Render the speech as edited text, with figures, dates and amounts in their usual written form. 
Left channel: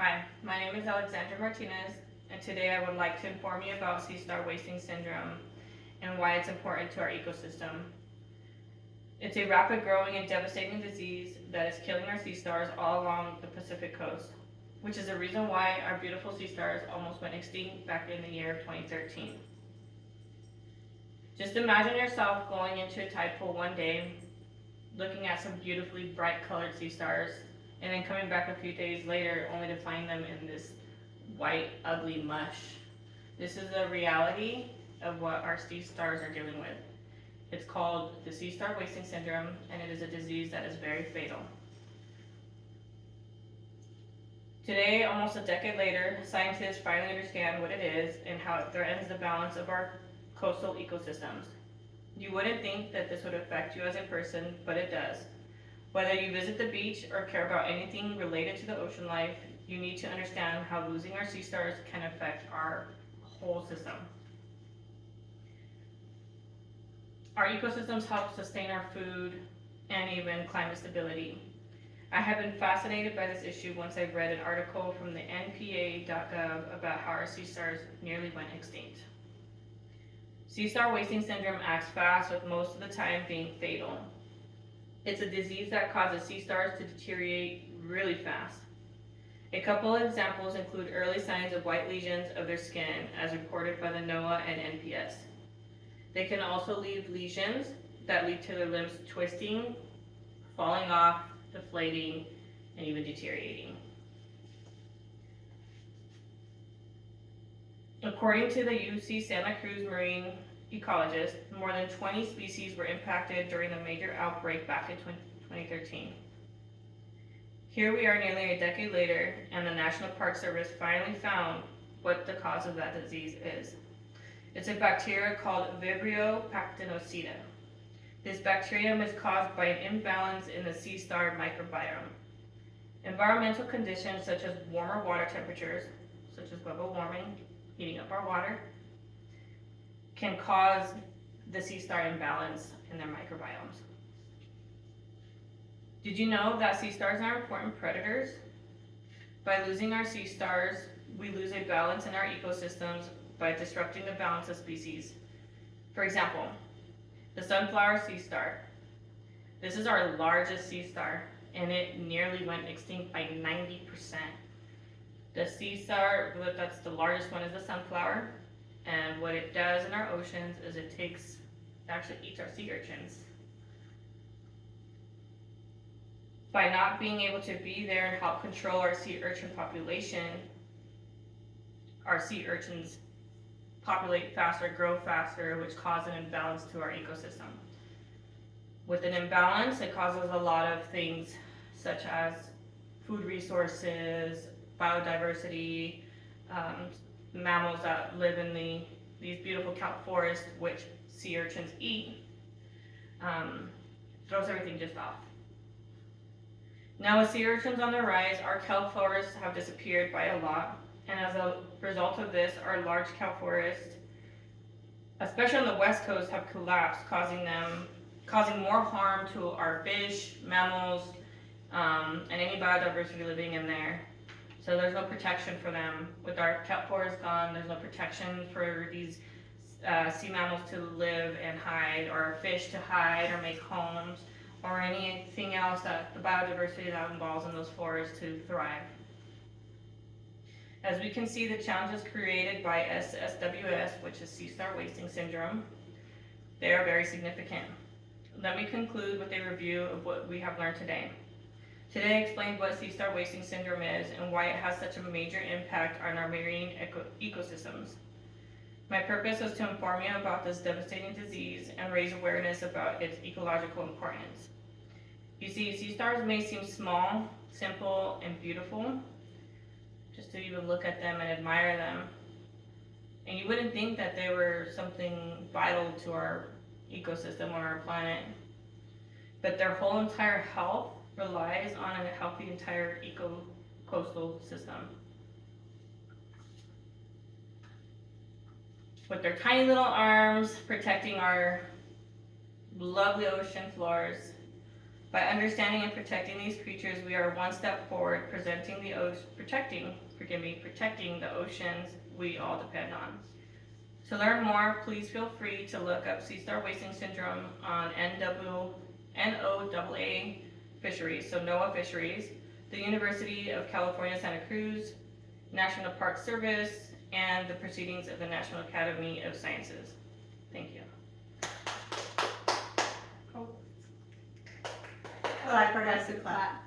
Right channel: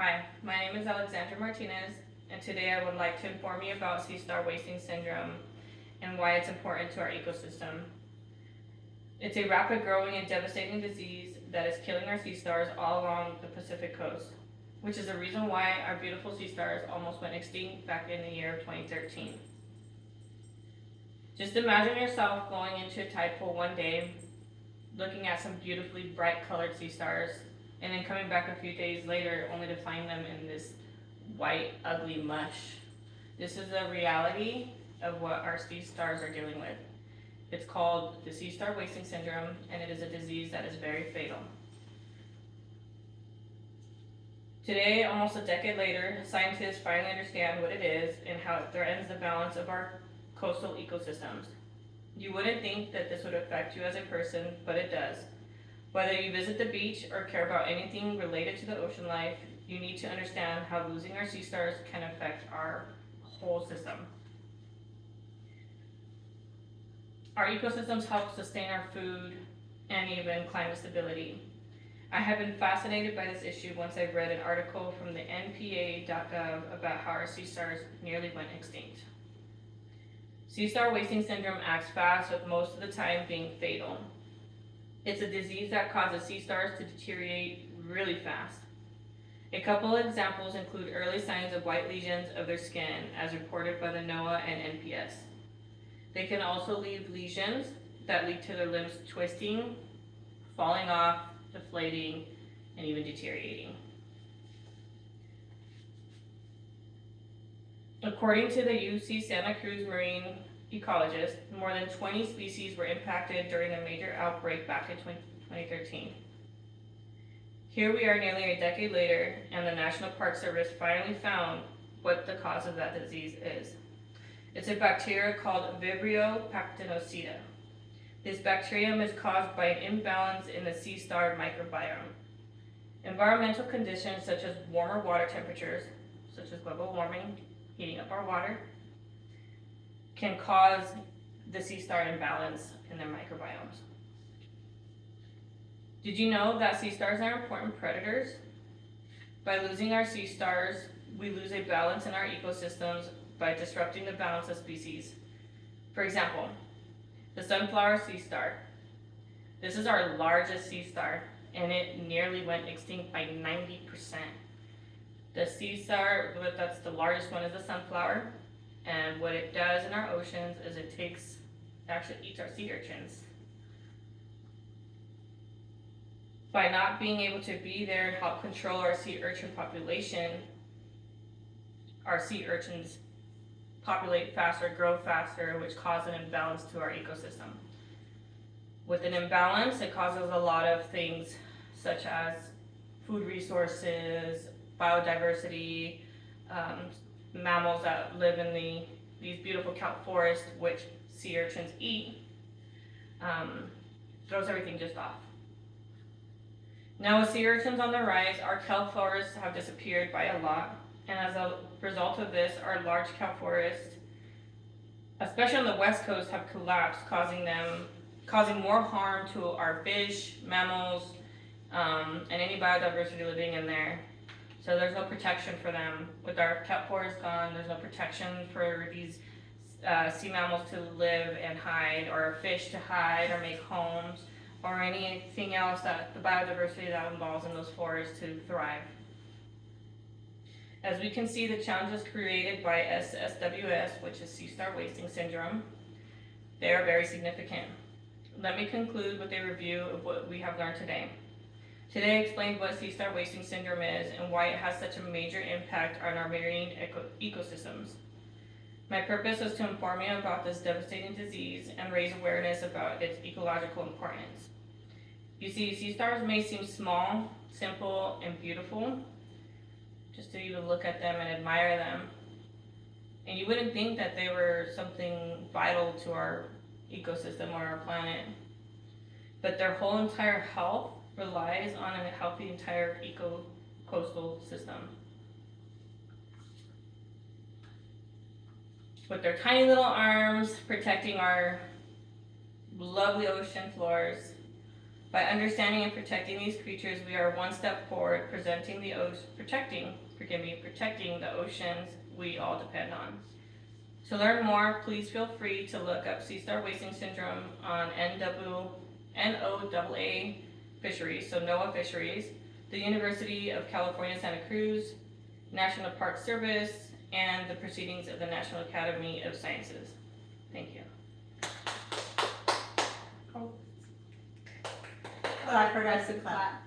Hi, my name is Alexandra Martinez, and today I would like to inform you about sea star wasting syndrome and why it's important to our ecosystem. It's a rapid growing and devastating disease that is killing our sea stars all along the Pacific coast, which is the reason why our beautiful sea stars almost went extinct back in the year of 2013. Just imagine yourself going into a tide pool one day, looking at some beautifully bright colored sea stars, and then coming back a few days later only to find them in this white, ugly mush. This is the reality of what our sea stars are dealing with. It's called the sea star wasting syndrome, and it is a disease that is very fatal. Today, almost a decade later, scientists finally understand what it is and how it threatens the balance of our coastal ecosystems. You wouldn't think that this would affect you as a person, but it does. Whether you visit the beach or care about anything related to the ocean life, you need to understand how losing our sea stars can affect our whole system. Our ecosystems help sustain our food and even climate stability. I have been fascinated by this issue once I read an article from the NPA.gov about how our sea stars nearly went extinct. Sea star wasting syndrome acts fast, with most of the time being fatal. It's a disease that causes sea stars to deteriorate really fast. A couple of examples include early signs of white lesions of their skin as reported by the NOAA and NPS. They can also leave lesions that lead to their limbs twisting, falling off, deflating, and even deteriorating. According to the UC Santa Cruz marine ecologist, more than 20 species were impacted during the major outbreak back in 2013. Here we are nearly a decade later, and the National Park Service finally found what the cause of that disease is. It's a bacteria called Vibrio pachyocida. This bacterium is caused by an imbalance in the sea star microbiome. Environmental conditions such as warmer water temperatures, such as global warming, heating up our water, can cause the sea star imbalance in their microbiomes. Did you know that sea stars are important predators? By losing our sea stars, we lose a balance in our ecosystems by disrupting the balance of species. For example, the sunflower sea star. This is our largest sea star, and it nearly went extinct by 90%. The sea star, that's the largest one, is the sunflower, and what it does in our oceans is it actually eats our sea urchins. By not being able to be there and help control our sea urchin population, our sea urchins populate faster, grow faster, which causes an imbalance to our ecosystem. With an imbalance, it causes a lot of things such as food resources, biodiversity, mammals that live in these beautiful kelp forests, which sea urchins eat, throws everything just off. Now with sea urchins on the rise, our kelp forests have disappeared by a lot, and as a result of this, our large kelp forests, especially on the west coast, have collapsed, causing more harm to our fish, mammals, and any biodiversity living in there. So there's no protection for them. With our kelp forest gone, there's no protection for these sea mammals to live and hide, or fish to hide or make homes, or anything else that the biodiversity that involves in those forests to thrive. As we can see, the challenges created by SSWS, which is sea star wasting syndrome, they are very significant. Let me conclude with a review of what we have learned today. Today I explained what sea star wasting syndrome is and why it has such a major impact on our marine ecosystems. My purpose is to inform you about this devastating disease and raise awareness about its ecological importance. You see, sea stars may seem small, simple, and beautiful, just to even look at them and admire them. And you wouldn't think that they were something vital to our ecosystem or our planet. But their whole entire health relies on a healthy entire coastal system. With their tiny little arms protecting our lovely ocean floors, By understanding and protecting these creatures, we are one step forward, protecting the oceans we all depend on. To learn more, please feel free to look up sea star wasting syndrome on NOAA fisheries, so NOAA fisheries, the University of California, Santa Cruz, National Park Service, and the proceedings of the National Academy of Sciences. Thank you. Clap for us to clap.